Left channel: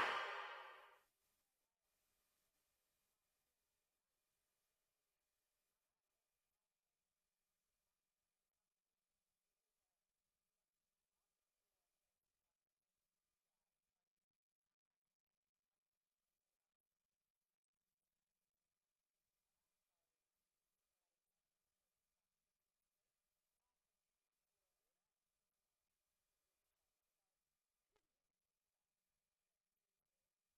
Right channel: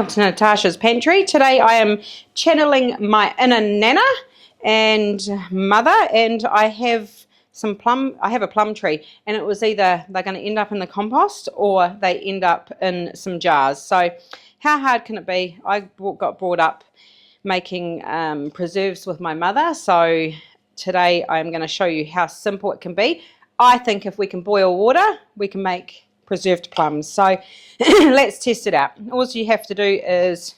welcome to Natasha's Pantry. Today I am channeling my inner nana and mother, and I have a plum tree, and it was either they're going to end up in the compost or they end up in some jars. So how hard can it be? I got brought up making preserves with my mother, so today I'm going to show you how simple it can be. I think if we can boil water, we can make preserved plums. So let's test it out. All you have to do is,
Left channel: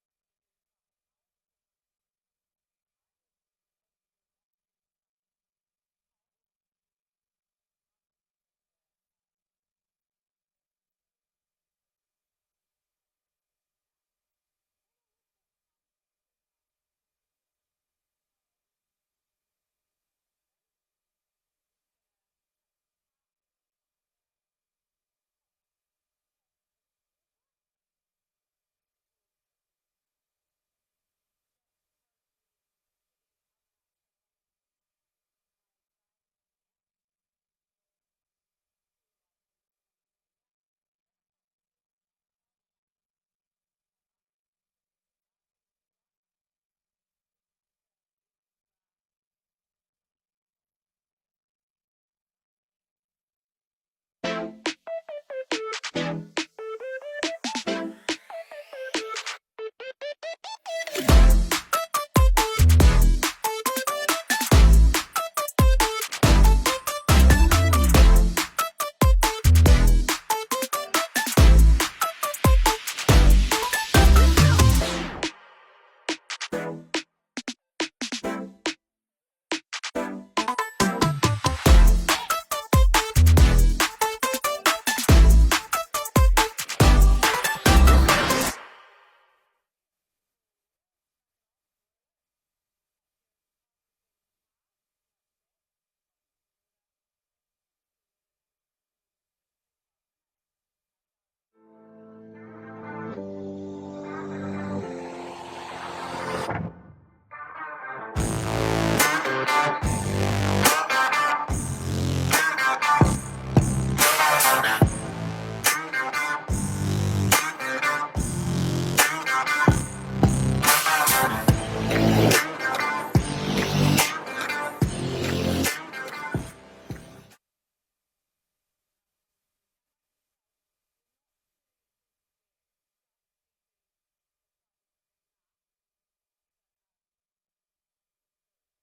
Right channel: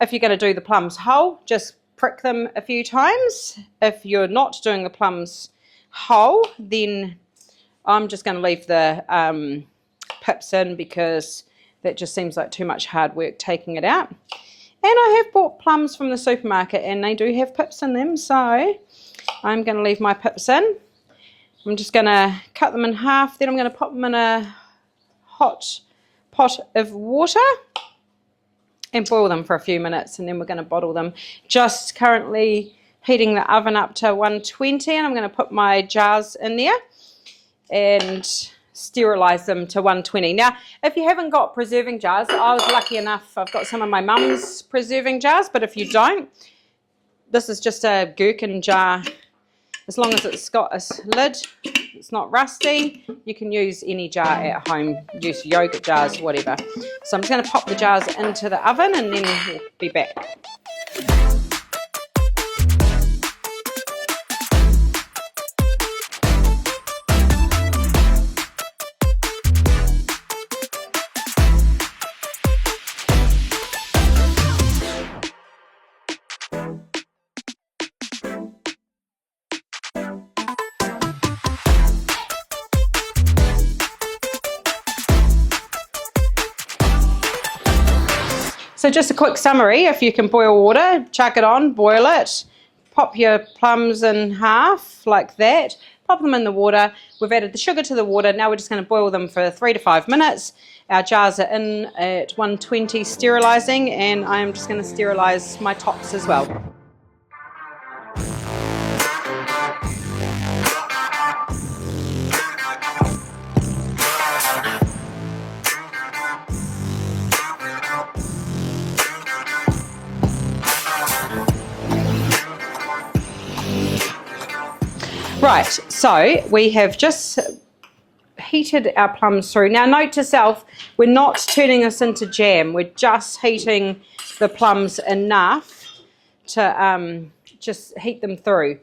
if you're going to do the plums whole, just prick them a few times. If you're not doing the plums whole, then I'm just going to leave the pips in, because that just seems like too much hard work taking it out. And I have bought plums from the supermarket and they do have pips in them, so I'm going to leave my pips in. I'm just going to cut them in half, then I'm going to pop them in a hot pot of water and boil them for a few minutes, and then we're going to bottle them. Just currently heating the oven up to 120, and I'm going to put my jars in there and sterilize them to 120. Now, if you haven't got preserving jars, I was lucky enough, I've got some of my mum's preserving jars, but if you don't, this is just a gherkin jar. As long as it's got a lid, it's not rusty, you can use any jar at home, use yogurt jars, whatever. So I'm just going to pop the jars into the oven and then we'll be back. So just a quick summary: if you can boil water, chuck it on, boil it, pop your plums in half like that, pop them in the water. We've added the sugar to the water. Now we're just going to boil them for 3 to 5 minutes. Our jars are in at 120 sterilising, and I am just going to sterilise my tops as well. Right, so we have just heated our plums through. Now note to self, we're not turning this into jam, we're just heating the plums enough to just heat them through.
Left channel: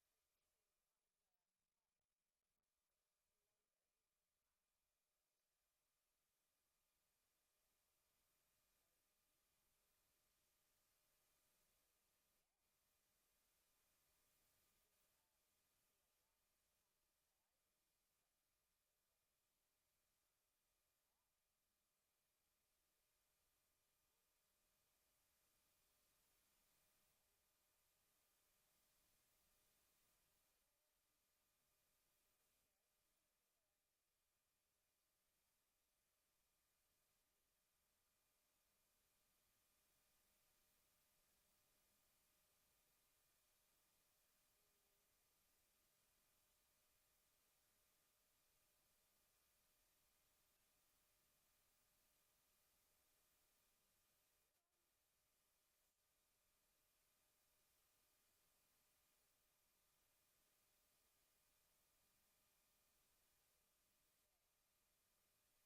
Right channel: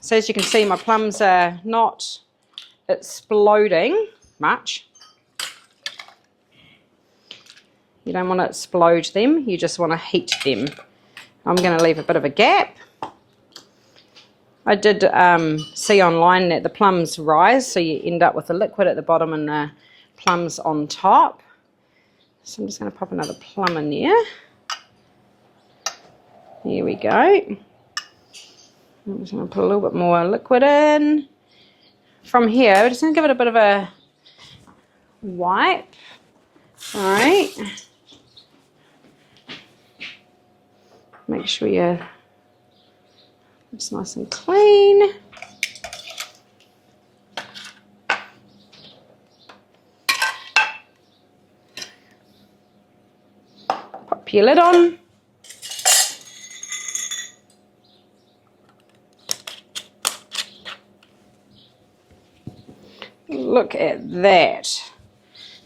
So as you can see, my plums are not exploding much. You don't want to explode them, you just want to heat them. I'm going to leave a bit of a gap. I did see online that the plums rise, so you end up with the liquid at the bottom and the plums on top. So I'm just going to pop another plum in there. Here we go. I'm just going to put a little bit more liquid in. From here, we're just going to give it a bit of a wipe. All right. Make sure it's nice and clean. Pop your lid on. Look at that.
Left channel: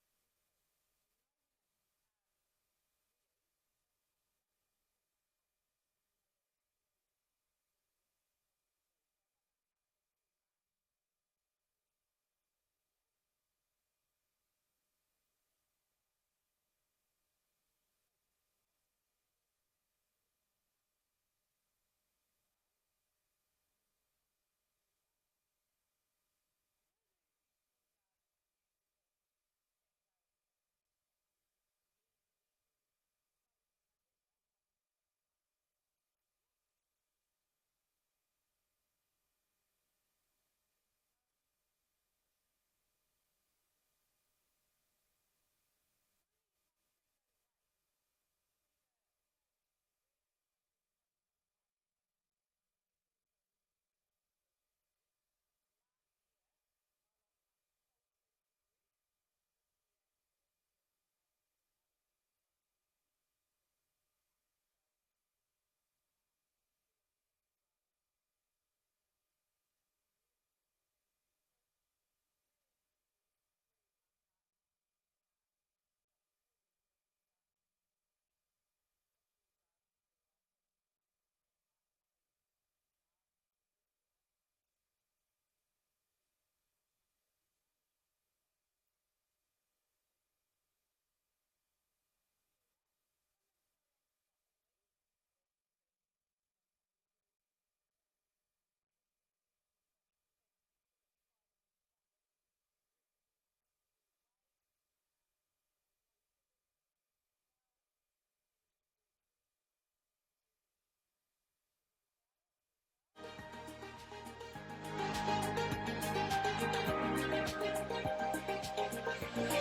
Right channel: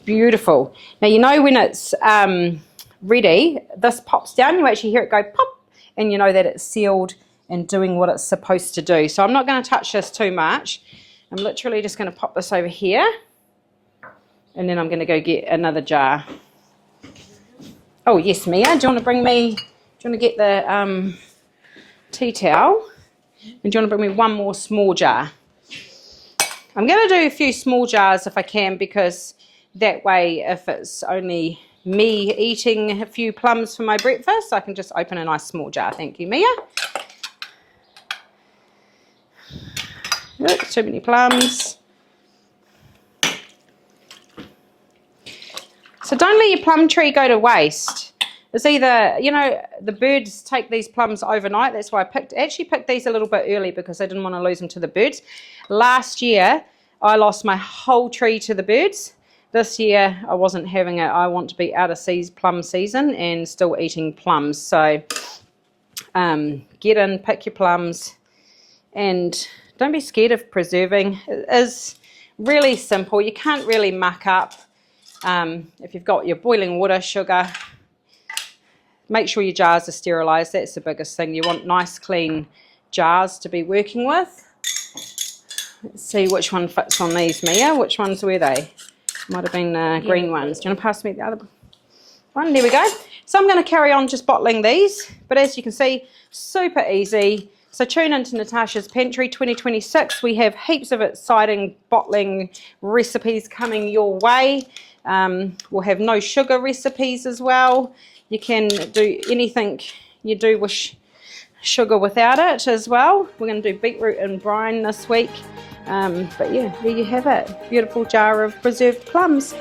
Beautiful. Now you know when it's ready, this pops down, you actually hear it go pop, and you know that it's sealed and doing what it's supposed to do. So I'm not going to touch this too much. I'm literally just going to pop this over here, and then I'm going to go get another jar. Oh yes, Mia, do you want to get the tea towel, and do you want to bring me one more small jar? I'm going to do a few small jars if I can, because that way, if it's only me eating a few plums for my breakfast, I can just open a nice small jar. Thank you, Mia. Look, too many plums. So don't let your plum tree go to waste. It's either, you know, the birds take these plums overnight. That's why I actually picked these a little bit early, because I didn't want to lose them to the birds. Last year, I lost my whole tree to the birds. this year I wasn't having it. I want to be out of plum season and still eating plums. So get in, pick your plums, and don't be scared of preserving. It is really simple. You can't really muck up. If you've got your boiling water, sugar, make sure your jars are sterilised. That's the biggest thing. You want nice clean jars to be working with. Let's see which one fits on these, Mia. Which ones were they? Might have been green ones. Do you want to pass me the other one? There we go. So I'm going to carry on just bottling these, but as you can see, super easy. So tune into Natasha's Pantry 2026. We have heaps of exciting bottling recipes coming your way. We'll have no sugar recipes as well. You can do anything you do with sugar without it as well. We're going to do beetroot and brine this week. But yeah, there you have it. Beautiful jar of preserved plums.